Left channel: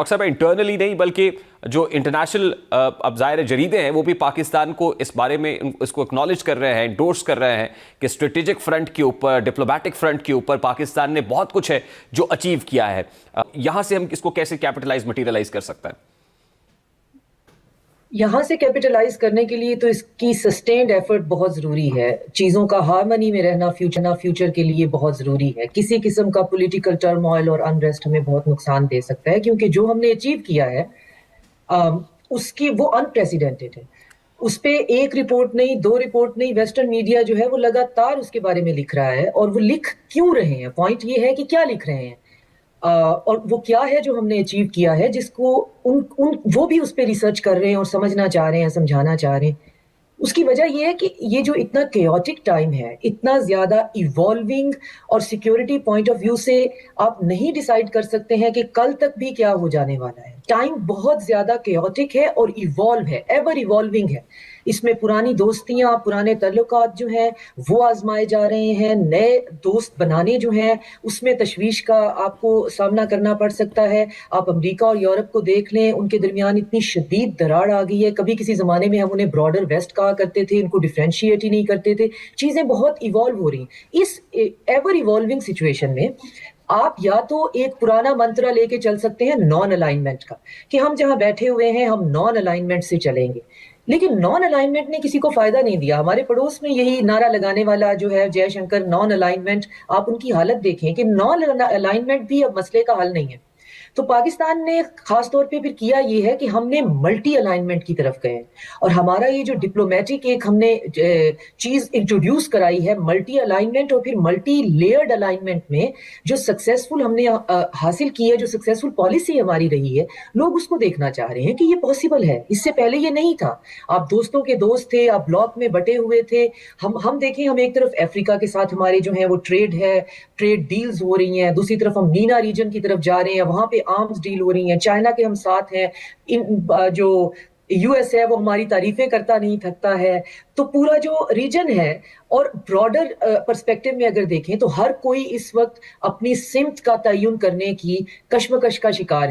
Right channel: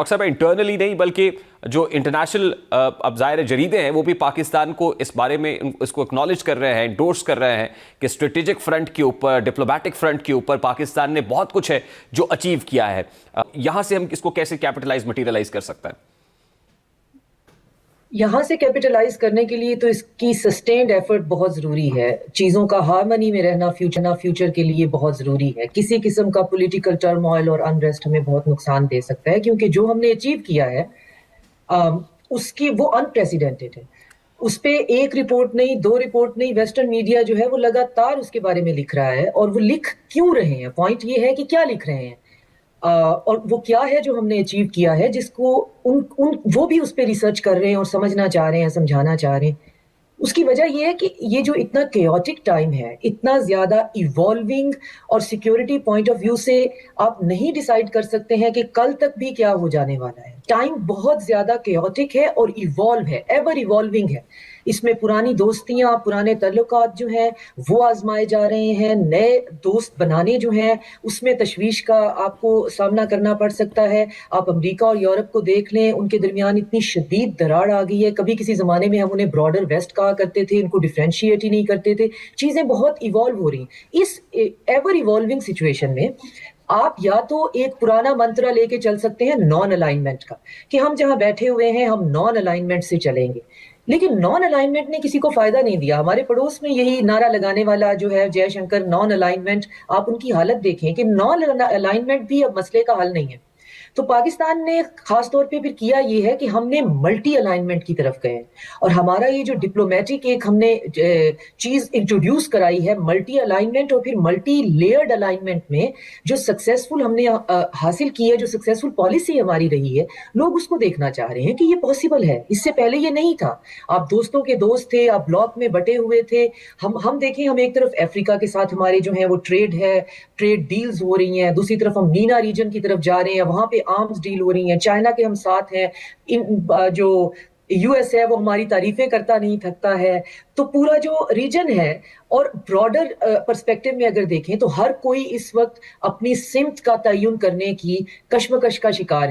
اور صرف انٹرنلی نہیں بلکہ جو انٹرنیشنل اب ظاہر جریدے ہیں وہ بھی پاکستان کو اس بارے میں اس کو اکنالج کر رہے ہیں، انڈورس کر رہے ہیں کہ اسٹریٹجک فرنٹ کے اوپر، ڈپلومیٹک فرنٹ کے اوپر پاکستان نے بہت کچھ ہے جو اچیو کیا ہے. یہاں سے ہم اس کو کیسے کیپٹلائز مٹیریلائز کر سکتا ہے؟ یہاں سے کیپٹلائز کرنے کے لیے تو اس کی سسٹینڈ ایفرٹ بہت ضروری ہے. چیزوں کا ہارمنی میں رہنا فیوچر کے لیے بہت ضروری ہے. کسی قسم کا پولیٹیکل ٹرموائل اور انریسٹ ہمیں بہت نقصان دے سکتا ہے، کیونکہ جو ہم نے اچیو کیا ہے اس کی وہ انپریسیڈنٹڈ ہے. اس پہ ایک رپورٹ نہیں، دو رپورٹ نہیں، ویسٹرن میڈیا جو ہے وہ لگاتار اس کے بارے میں لکھ رہا ہے. اور وہ لکھ کیوں رہے ہیں؟ پوائنٹ یہ ہے کہ کیا لکھ رہے ہیں اور وہ کیا ہے جو ہم نے اچیو کیا ہے، جس کو وہ بھی اس پہ ریسرچ کر رہے ہیں اور سمجھنا چاہ رہے ہیں، سمجھانا چاہ رہے ہیں. اس کی وجہ یہ ہے کہ یہ جو اتنا کیوٹک ٹائم ہے، اتنا زیادہ ایوالونگ، اور سیکیورٹی پوائنٹ آف ویو سے آپ نہیں ڈیسائیڈ کر سکتے ہیں کہ کل تک بھی کیا ہو جانے والا ہے. ٹائم بہت زیادہ کیوٹک ہے اور ایوالو ہے، ایور ایوالونگ ہے. اس میں پرانی دوستیاں، پرانے تعلقات جو ہیں وہ آزمائے جا رہے ہیں. نئے دوست بنانے جو ہیں اس میں تشویش کا آپ کو سامنا کرنا پڑ سکتا ہے. آپ امریکہ اور یورپ کو دیکھ لیں، ان کے درمیان اتنی شدید دراڑ آ گئی ہے. کبھی کسی زمانے میں ہم انہیں براڈر ویسٹ کہا کرتے تھے، ان کو ڈیفرینشیٹ ہی نہیں کرتے تھے. چیزیں بہت ایوالو ہو رہی ہیں. اس ایور ایوالونگ سچویشن میں آپ یا تو ایک پرانا منترا لے کے چل سکتے ہیں نان الائنمنٹ کا، کہ ہم جہاں بیٹھے ہوئے ہیں ہم نان الائنمنٹ سے چلیں گے. لیکن نان الائنمنٹ نے کسی کو فائدہ نہیں دیا. ہمارے پڑوس میں یہی نعرہ لگانے والا جو ہے جے شنکر، نان الائنمنٹ، آپ ان کی حالت دیکھیں کہ نان الائنمنٹ بھی اب مسئلے کا حل نہیں ہے. تو پاکستان نے خاص طور پہ پھر کیا یہ ہے کہ ہم نے ملٹی الائنمنٹ کی طرف گئے، اور ہمارا یہ جو ڈپلومیٹک ایک ہم نے چیز انٹروڈیوس کرائی ہے، ملٹی الائنمنٹ، اور پھر ملٹی لیئرڈ الائنمنٹ میں جو سکسیسفل ہم نے حاصل کی ہے، جو سکسیسفل پالیسی ہماری رہی ہے، لوگ اس کو دیکھنا چاہ رہے ہیں کہ یہ پاسبل ہے. اس سے پہلے یہ نہیں تھا. آپ دوستوں کے دوست تھے، آپ بلاک میں بٹے ہوئے تھے. ہم دیکھیں، ہم ایک طرف افریقہ کے ساتھ ہمارے جو ہیں وہ ٹریڈ ڈیلز ہو رہی ہیں، دوسری طرف ہم مینا ریجن کی طرف جا رہے ہیں، وہاں پہ آرمز ڈیل ہو رہی ہیں. چائنا کے ہم ساتھ ہیں. جو یو ایس ہے وہ ہماری تعریفیں کرتا نہیں تھکتا ہے. تو پورا جو ریجن ہے، اور براڈر پرسپیکٹو میں اگر دیکھیں تو ہر کوئی اس وقت اپنی سمت کا تعین کرنے کی کشمکش کا شکار ہے.